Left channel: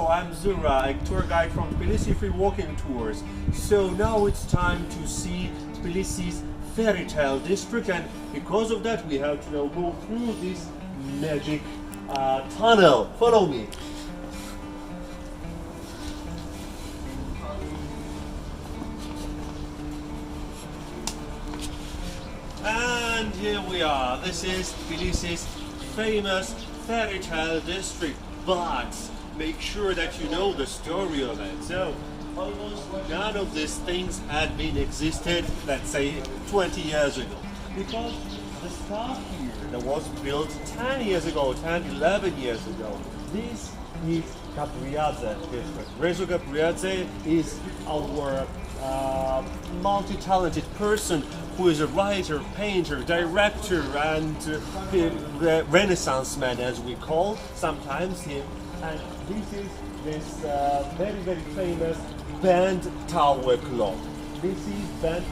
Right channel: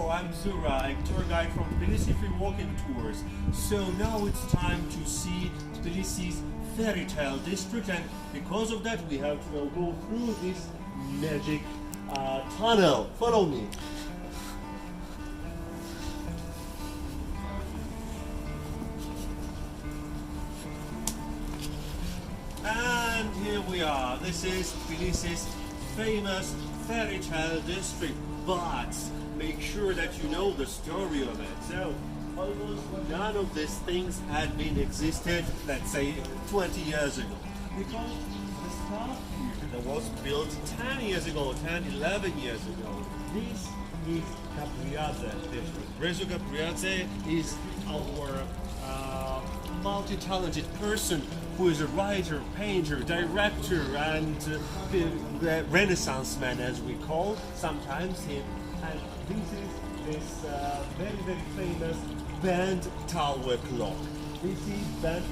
Hello, I'm Zura, a tour guide from Tbilisi Free Walking Tours. So now it's time to see Tbilisi's fairy tale district, and because of that we have to now go through this magic tunnel. Follow me. And here we are. This is Tbilisi's famous fairy tale district, but make sure that you know the story of it. So almost none of these things had been existed, let's say 20 years ago, because the stuff here that was built 10 years ago, 10, 11 years ago, this is Gabriadze district. Gabriadze is our multi-talented person who is a writer, painter, director, and Renaissance man, as we call sometimes him. And this is this very famous bent tower clock. This is bent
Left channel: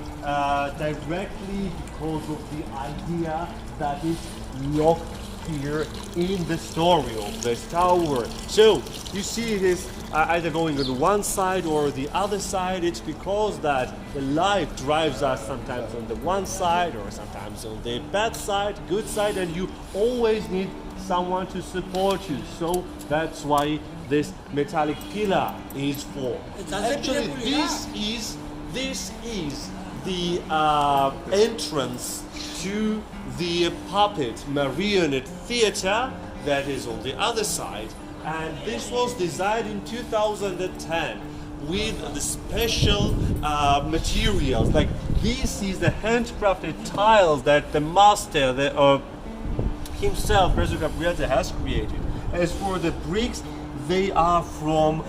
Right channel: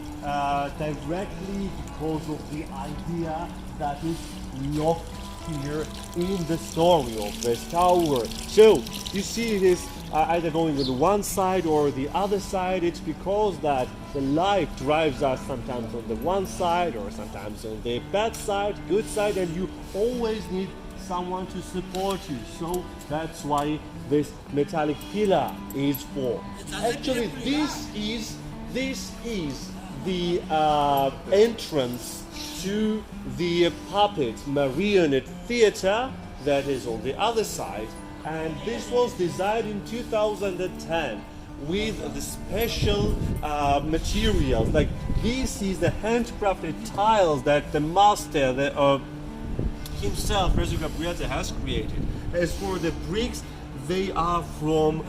directly because of the idea that is locked here in the story of this tower. So you see it is either going on the one side or the other side. It's because that the life drives us sometimes on the one side or sometimes on the bad side, good side, and you always need someone to support you. So that's why this metallic pillar is formed. Actually, this is the entrance to the puppet marionette theater that is on the other side, and this was designed in 2010 with the special materials. Like this is the handcrafted tiles that the master himself, Gabriadze, has created. As for the bricks, they are from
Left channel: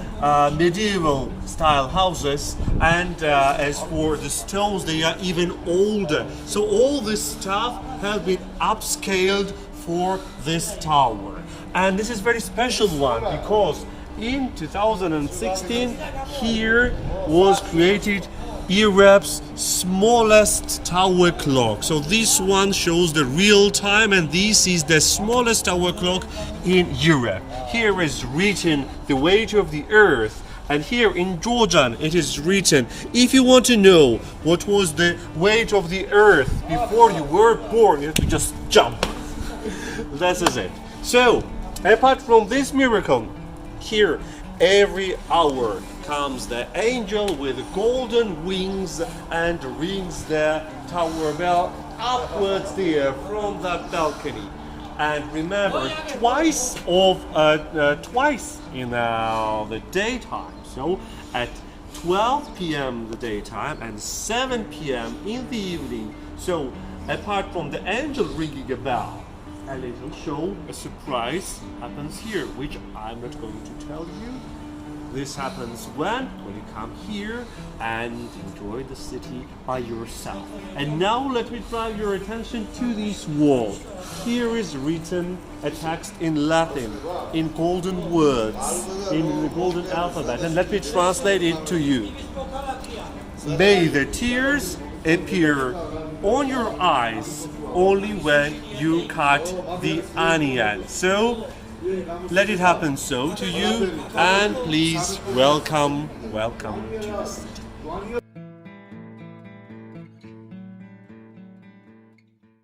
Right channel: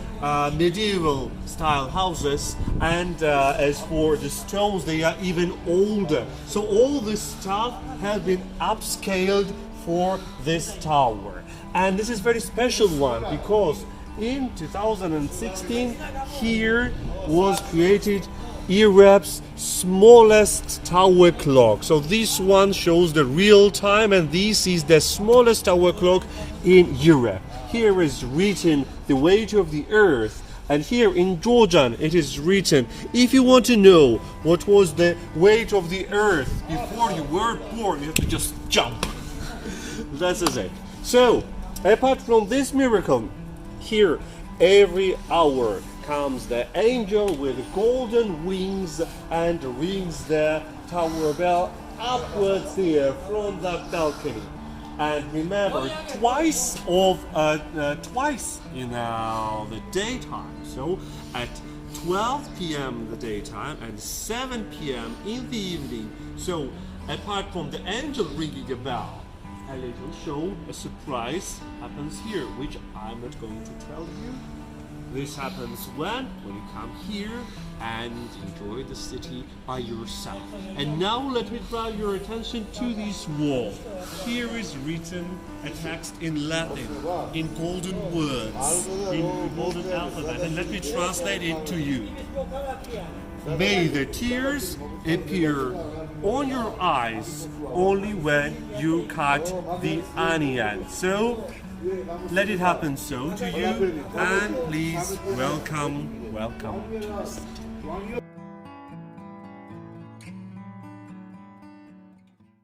medieval style houses, and as for the stones, they are even older. So all this stuff has been upscaled for this tower. And this is very special one because in 2016 here was created Europe's smallest tower clock. So this one shows the real time, and this is the smallest tower clock in Europe. Here is written the weight of the earth, and here in Georgian it is written, if you want to know what was the weight of the earth before you were born, you have to just jump. That is it. So apart from this miracle, here every hour comes the angel with golden wings and rings the tower bell upwards there from the balcony. And remember, twice in the daytime. So at 12 p.m. the daytime and 7 p.m. in the evening. So apart from the angel ringing a bell, a little show, a surprise happens here, which I'm not going to tell you. This happens when you come here and enjoy the city by yourself. And now let me draw your attention to this wall. Here is written a text in Latin, in golden words, in the golden alphabet, and let me translate it to you. May the tears appear on your eyes only when you cut the onion. So let it happen so to you, and please welcome to the city.